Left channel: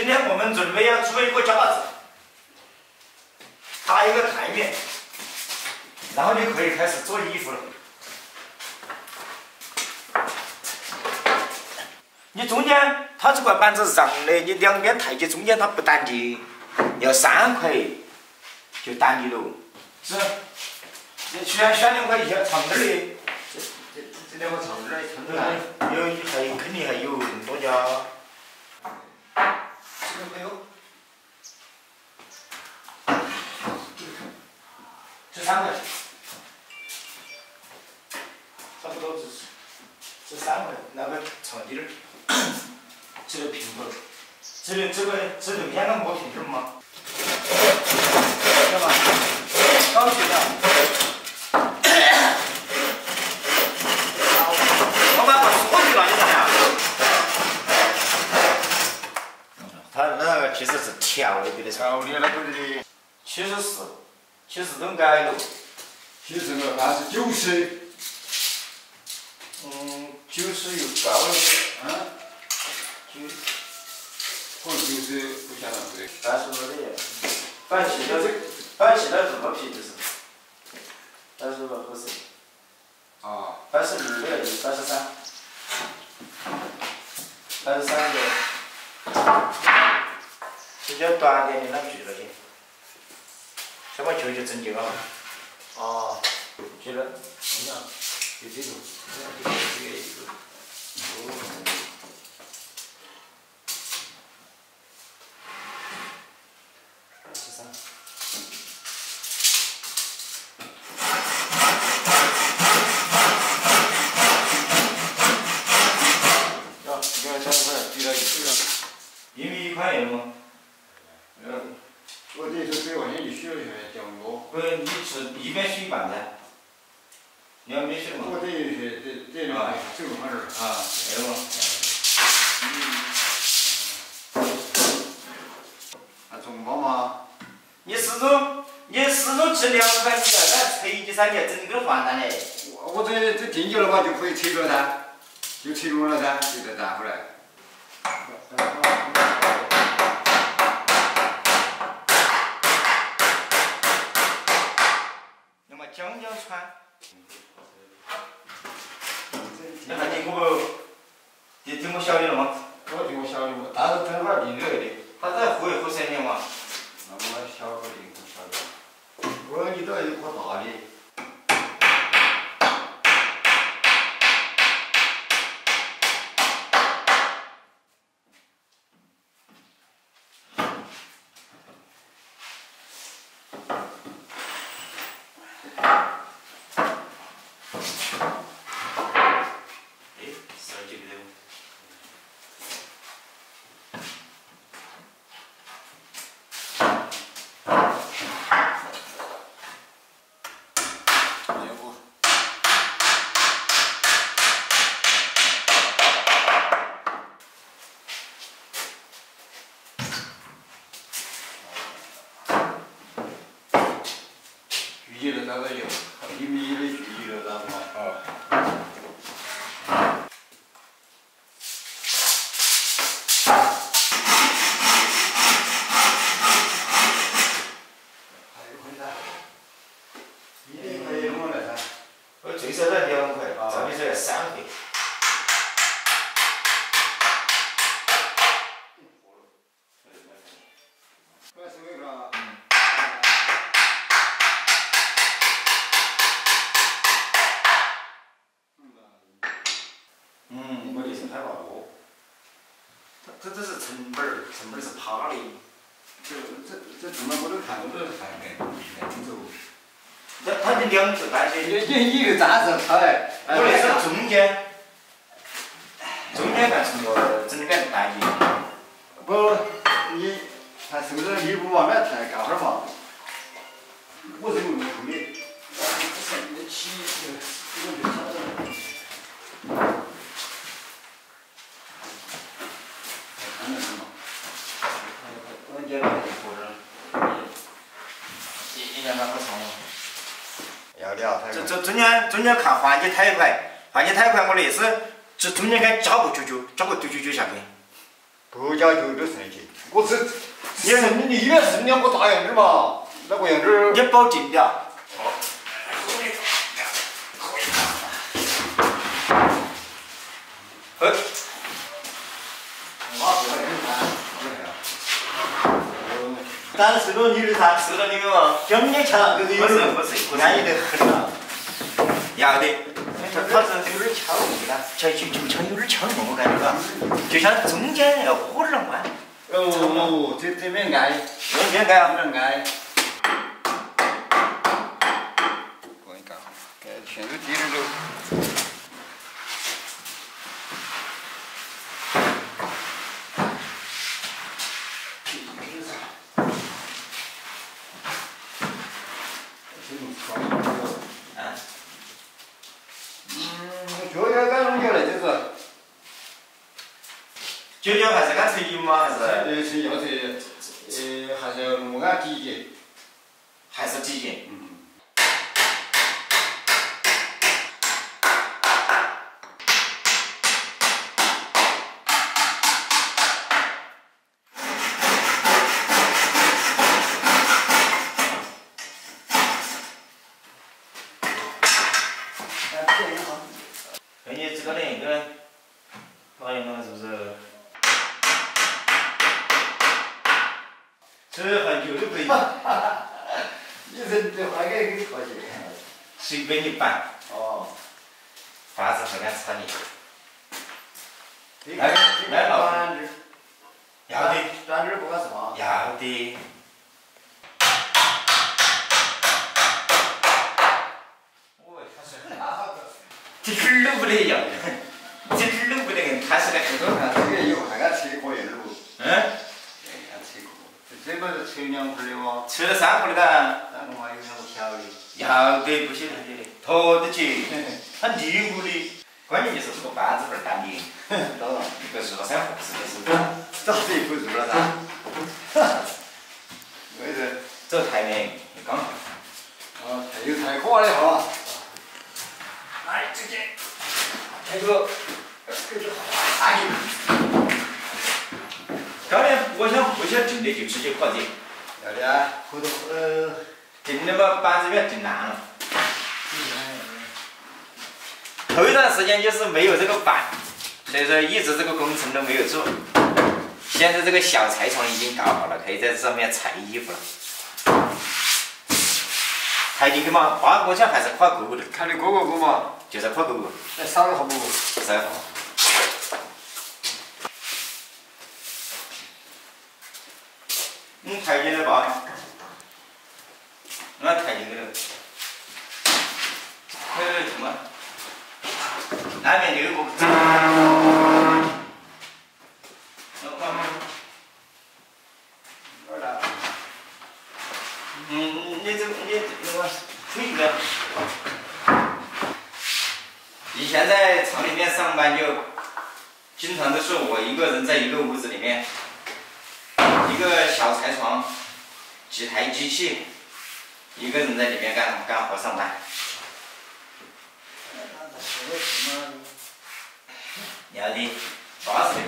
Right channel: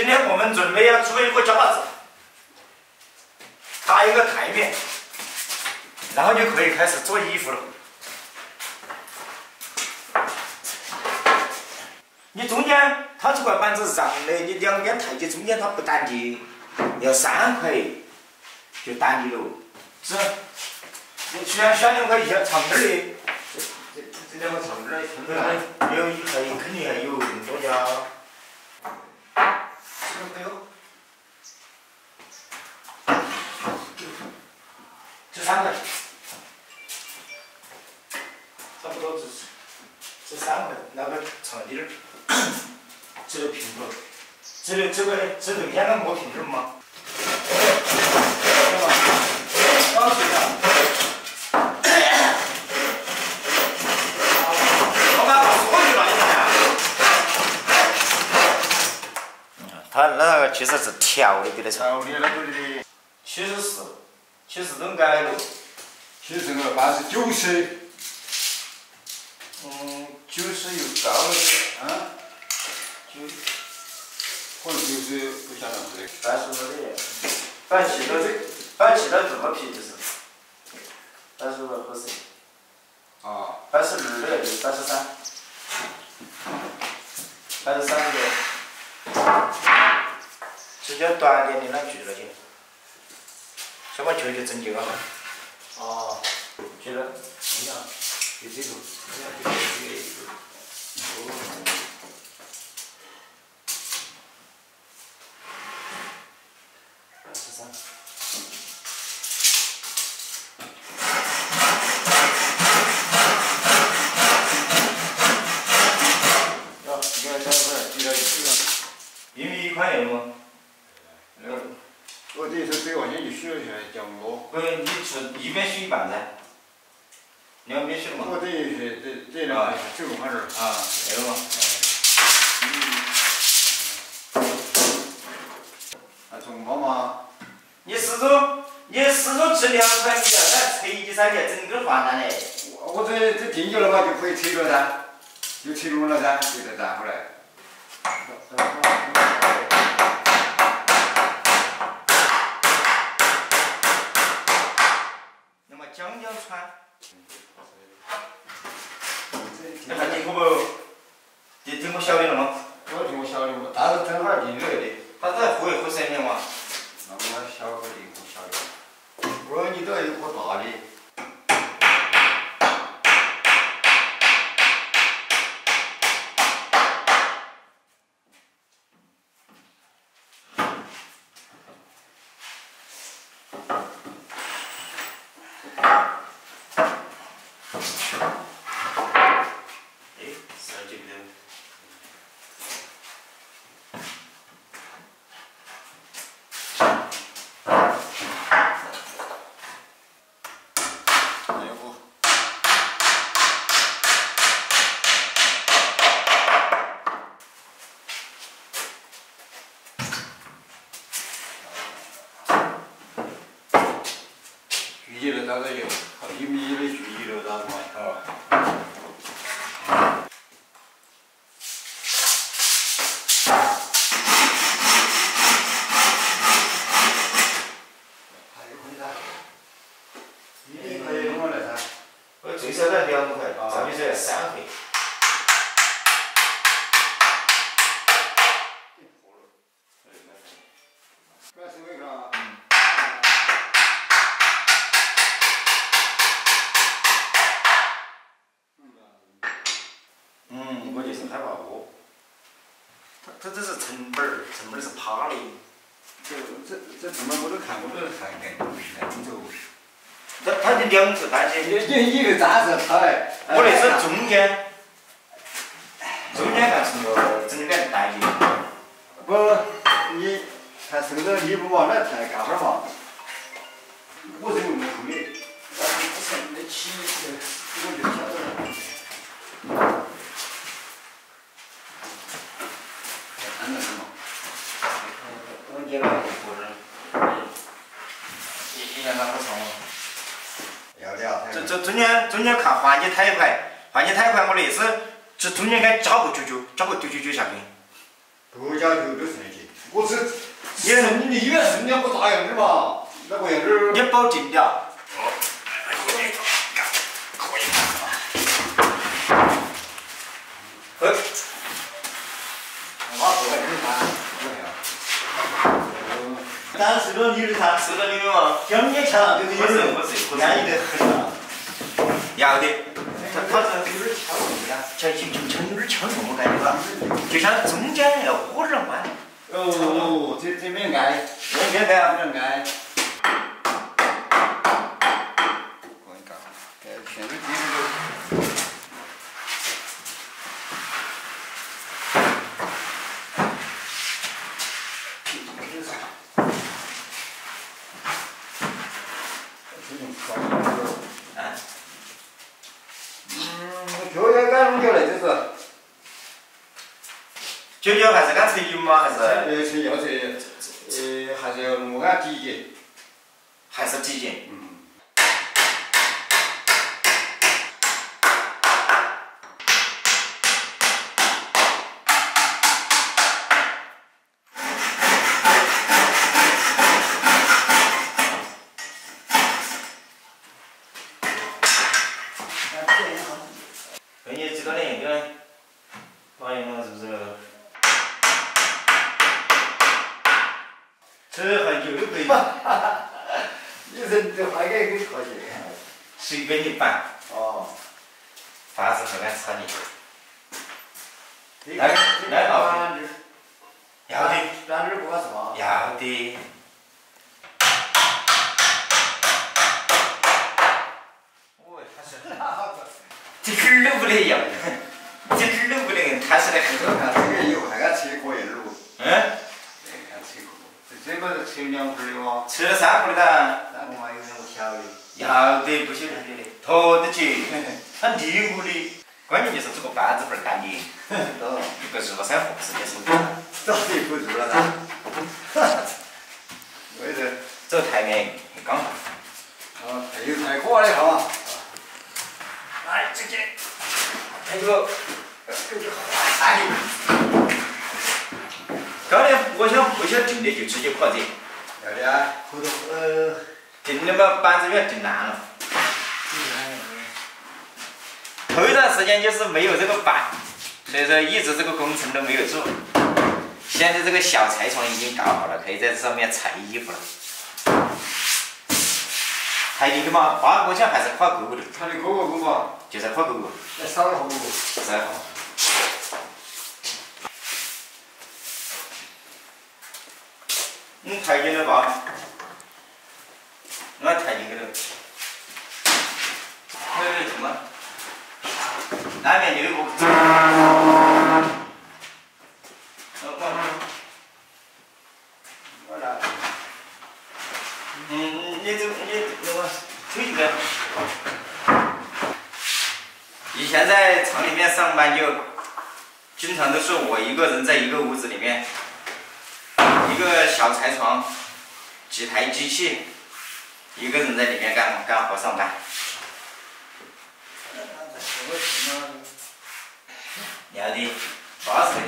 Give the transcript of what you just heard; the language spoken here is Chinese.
今天我们准备要做一个架子，搭一个台面，然后就可以开始做衣服了。你中间它这块板子是长的，你两边台阶中间它不单结，要3块就单结了。是，你选2块一下长点的，这2个长点的，有肯定还有更多家。这个没有。这3块，差不多这3块，那个长点儿，这个平头，这头先个磨平点儿嘛，知道吧？高级的。老板把锁给拿进来呀？他那个其实是调的，给他调的那个的。74都改了。其实这个板是90。90又高了些。可能90不晓得是的。但是我的，板砌到这么皮就是，但是合适。82的83，83的，直接短点的那锯了去，先把球整结个好。锯了。你看，就这种，1块1吗？我这是3块钱就许了下来，叫我。不是，你是一边许一半噻，2边许嘛。我等于是这2块9块点儿。对了嘛。还中包吗？你始终吃2块，你要在锤击上面整个换单嘞。我这定久了嘛，就可以拆了噻，就拆拢了噻，就再带回来。那么将穿。那还听过不？你听过小的了吗？我听过小的，但是正好定这个的。他在合3年嘛。那我小个的，我小的。我说你都要一颗大的。锯了那个有，1米的锯了，然后嘛。还有块噻，1块弄过来噻。我最少得2块，上面说要3块。我就是害怕过。它这是成本儿是趴的。这怎么我都看更走。它的2个单节。你个单是它来。我那是中间干成个整个单节。不，你看这个你不往那抬干会儿嘛？我是用的粗的，省得起，我就调整。我接了就过这儿，你让它不长吗？要聊。这中间看换起胎块，我那是这中间该加个999下去。不加9就剩去。我这你一个是两个大样子嘛，那个样子。你保证了。咱是个女的，她是个那个嘛，乡里强，不是，安逸得很啊。要的，他是有点敲门呀，就有点敲门，我感觉吧，就像中间要火点弯。哦，这边挨，这边挨啊，不能挨。我一搞，现在地上就。我觉得干农业嘞，就要还是干成油吗？还是？是要还是要弄个体检。还是体检。哎，你这个那个，发现了是不是？这还有可以。你人这还给你靠近。随便你办。哦。房子很难炒的。来老弟。要的。咱这儿不管是吧？要的。哦，他是。这点儿都不得要，这点儿都不得踏实的很。这个有那个车可以路。这个是车2户的哇。车3户的哒。那我还有2个小的。要得，不晓得的，拖得起。他泥屋的，关键就是这个板子份干的。一个2、3户是的是。早就不住了噻。为这。这台面刚好。太过了哈。来，直接。还有。哎。高粱我想不想定的就直接搞这。要的啊，回头定的嘛，板子要定烂了。头一段时间就是没有这个板，所以说一直这个工程都没有做。现在这个小裁床已经搞好了，可以在这上面裁衣服了。裁进去嘛，8个枪还是跨勾勾的。看你勾勾勾嘛。就是跨勾勾。那少了好不？少了好。裁进了吧？我裁进去了。什么？那边6个。你推一个。以前在厂里面上班就经常都是我一个人在一个屋子里面，一个小裁床，几台机器，一个人在里面干活上班。要的，巴适的。